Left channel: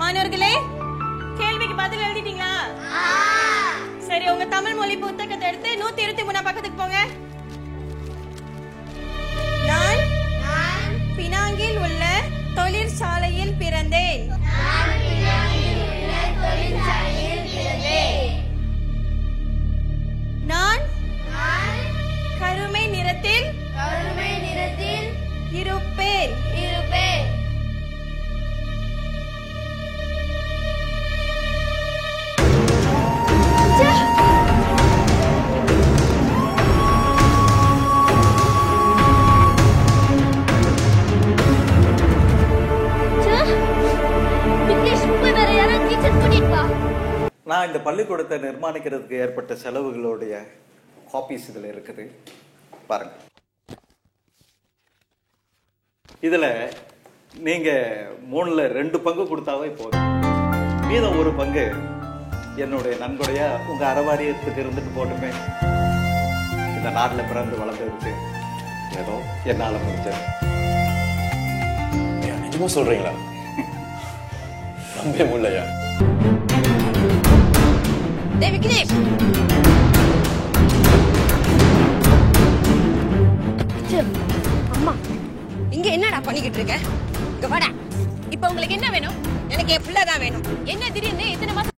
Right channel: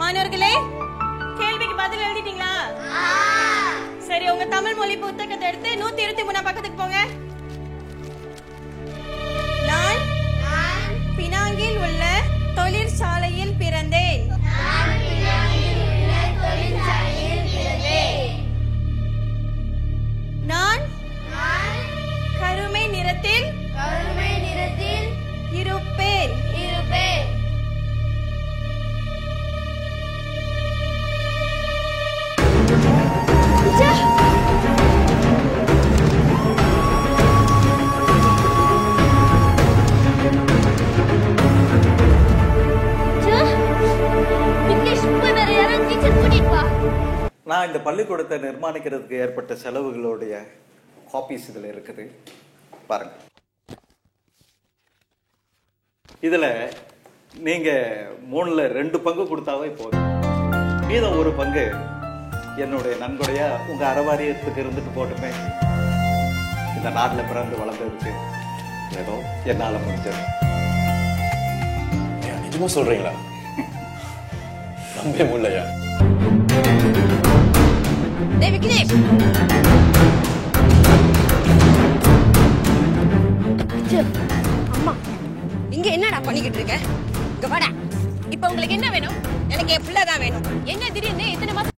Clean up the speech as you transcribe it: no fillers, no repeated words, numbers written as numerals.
மாணவர்களே, கேள்விக்கு பதில் எழுதிட்டீங்களா? சரி, உங்க தமிழ் மொழி புத்தகத்தை எடுத்து 123 பக்கத்துக்கு போங்க. நான் பினாங்கில் உள்ள தொழிற்சாலையில் பிறந்தேன். நான் கருமை நிறத்தில் இருப்பேன். நான் இந்த பள்ளிக்கூடத்தை நிர்மாணிக்கிறதுக்கு ஏற்பட்ட செலவுகளுடைய காப்பீஸ் இதுல இருக்குது பாருங்க. இதுல நீங்க 3ல் 2 பங்கு கொடுத்தாவே போதும். மீதம் 1 பங்கு என்னுடைய நன்கொடையா உங்க அறவாரியத்துக்கு இருந்துட்டு போட்டுமே. இந்த நாட்டில் பிறந்து வளர்ந்ததுக்கு ஏதோ என்னால முடிஞ்சது. நிஜமா சொல்றீங்களா? நம்பவே முடியலையா? அம்மா, இங்க என்னடா பண்ணிக்கிட்டு இருக்க? இங்க வாடா. இப்ப உங்களுக்கு என்ன வேணும்? எனக்கு என் பிள்ளைதான் வேணும். என்ன திடீர்னு இத்தனை மாசம்